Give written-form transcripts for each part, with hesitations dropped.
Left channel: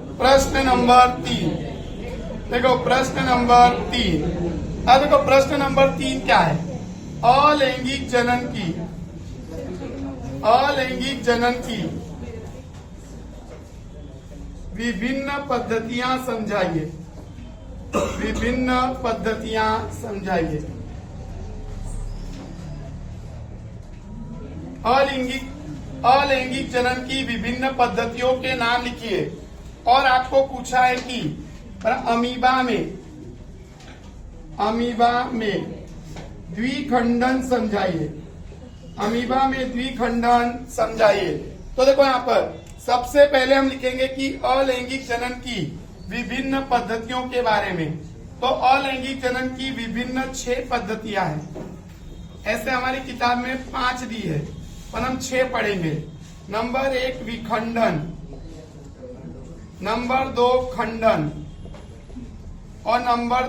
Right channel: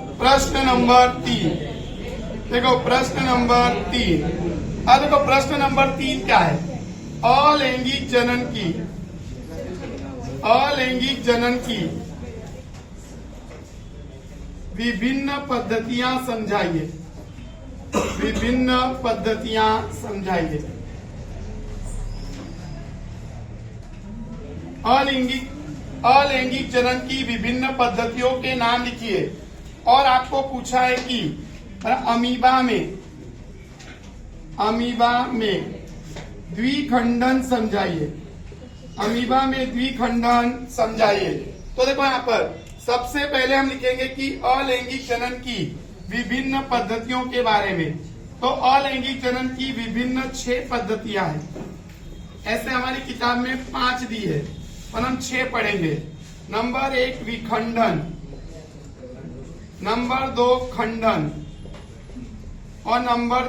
प्रश्न नंबर 3। देखो प्रश्न नंबर 3। अब देखो प्रश्न नंबर 3 क्या है? अलैंगिक जनन की विभिन्न पद्धतियां समझाइए। विभिन्न पद्धतियां समझाइए। अलैंगिक जनन की विभिन्न पद्धतियों के नाम लिखिए। और आपको पूछा है कि अमीबा में द्विखंडन समझाइए। अमीबा में द्विखंडन समझाइए। तो देखो यहाँ पर सबसे पहले हम लिखेंगे कि अलैंगिक जनन की विभिन्न पद्धतियों के बारे में। तो अलैंगिक जनन की विभिन्न 6 पद्धतियां हैं। ऐसे हमारी किताब में 5 दी है, पर हम 6 पढ़ेंगे। नंबर 1 विखंडन, नंबर 2 खंडन, और नंबर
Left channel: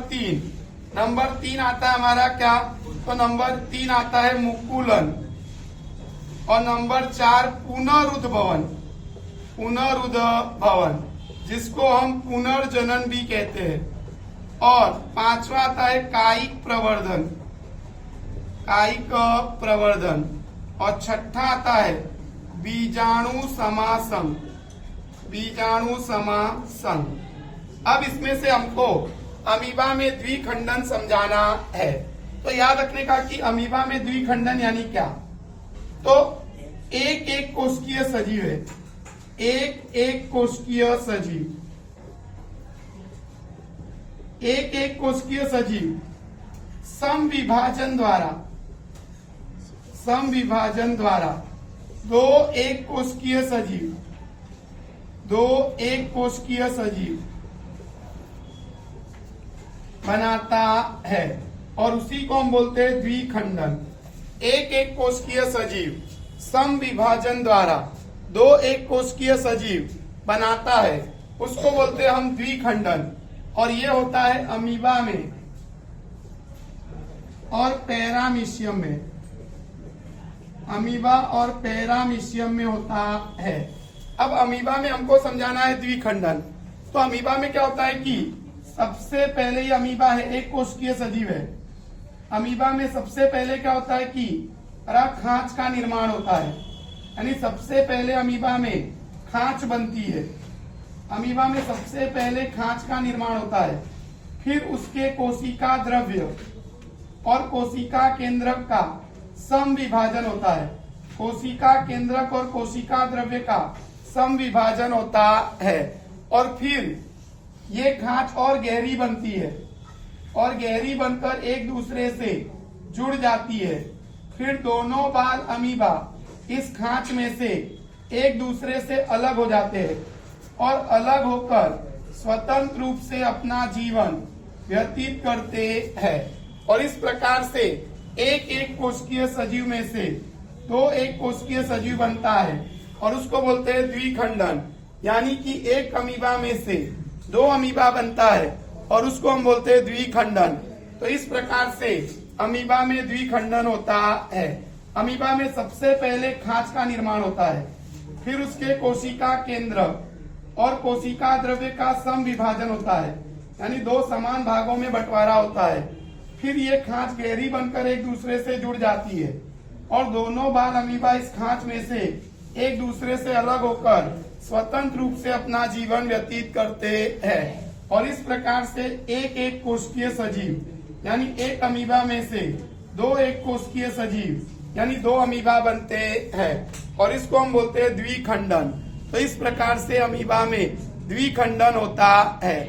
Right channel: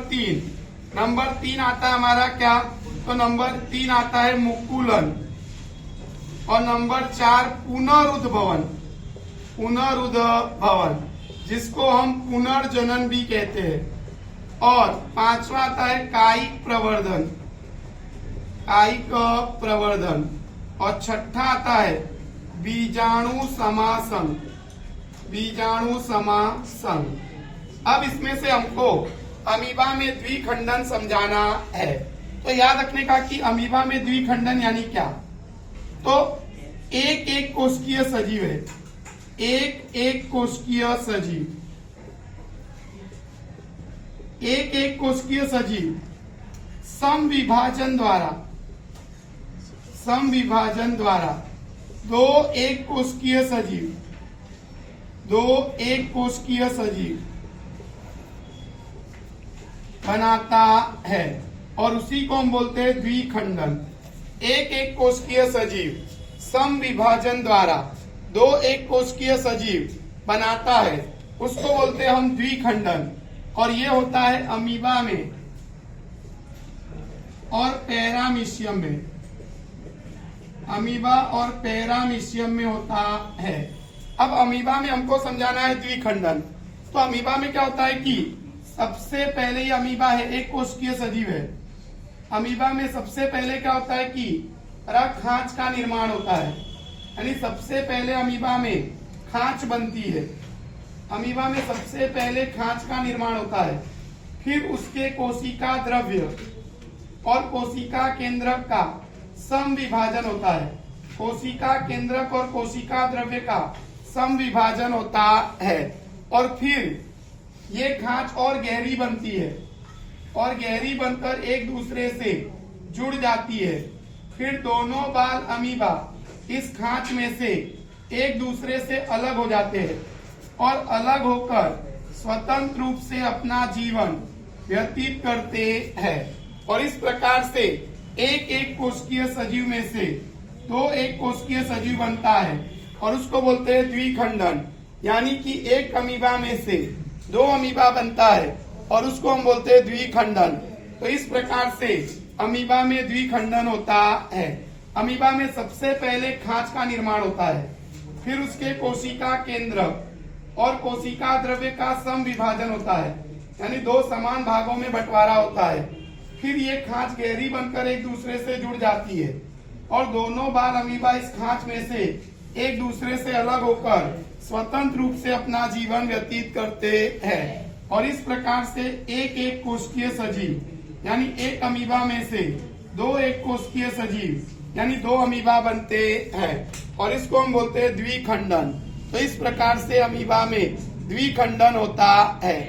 3 आता है हमारा क्या? तो नंबर 3 आता है मुकुलन, और नंबर 4 पुनरुद्भवन, जिसको हम पुनर्जनन भी कहते हैं। और 5वां आता है कायिक प्रवर्धन, और 6ठा आता है बीजाणु समासंग। अब इसमें से हमको अमीबा में द्विखंडन समझाना है। तो याद रखने का कि अमीबा में द्विखंडन यानी क्या? तो एक कोशिकीय सजीव है। एक कोशिकीय सजीव समविभाजन द्वारा दो एक कोशिकीय सजीव बनाता है, और उसी को हम बोलते हैं द्विखंडन। एक कोशिकीय सजीव समविभाजन द्वारा दो एक कोशिकीय सजीव बनाता है, उसको बोलते हैं हम द्विखंडन। और ये होता है अमीबा में और पैरामीशियम में। अमीबा और पैरामीशियम में होता है। अब अमीबा में हमको समझाना है द्विखंडन। तो अमीबा में क्या होता है कि सबसे पहले ये अमीबा है, एक कोशिकीय सजीव है। अमीबा में सबसे पहले क्या होता है कि खांच का निर्माण होता है, यानी सबसे पहले अमीबा में खांच बनती है। अमीबा में सबसे पहले खांच का निर्माण होता है, फिर उसके कोशिका द्रव्य और कोशिका केंद्रक का समविभाजन होता है। कोशिका केंद्रक और कोशिका द्रव्य का समविभाजन होता है, और फिर ये खांच और गहरी बनती है, और गहरी बनकर एक दूसरे से जुड़ जाती है। फिर दोनों बाल अमीबा इस खांच में से एक दूसरे से अलग हो जाते हैं, और अलग होकर स्वतंत्र रूप से अपना जीवन व्यतीत करते हैं। और इस प्रकार से एक कोशिकीय सजीव में से दो एक कोशिकीय सजीव बनता है, और उसको बोलते हैं द्विखंडन। यानी कि एक अमीबा में से 2 अमीबा बनता है, और उसको हम बोलते हैं द्विखंडन। तो इस प्रकार से अमीबा में द्विखंडन होता है। अमीबा में सबसे पहले खांच का निर्माण होता है, फिर उसके कोशिका केंद्र और कोशिका द्रव्य का समविभाजन होता है, यानी 2 समान भागों में बंटवारा होता है। फिर ये खांच गहरी बनकर एक दूसरे से जुड़ जाती है, और दोनों बाल अमीबा इस खांच में से एक दूसरे से अलग होकर स्वतंत्र रूप से अपना जीवन व्यतीत करते हैं। और इस प्रकार से एक कोशिकीय सजीव यानी एक अमीबा में से 2 एक कोशिकीय सजीव यानी 2 अमीबा बनते हैं, और इसको हम बोलते हैं द्विखंडन। तो इस प्रकार से अमीबा में द्विखंडन होता है।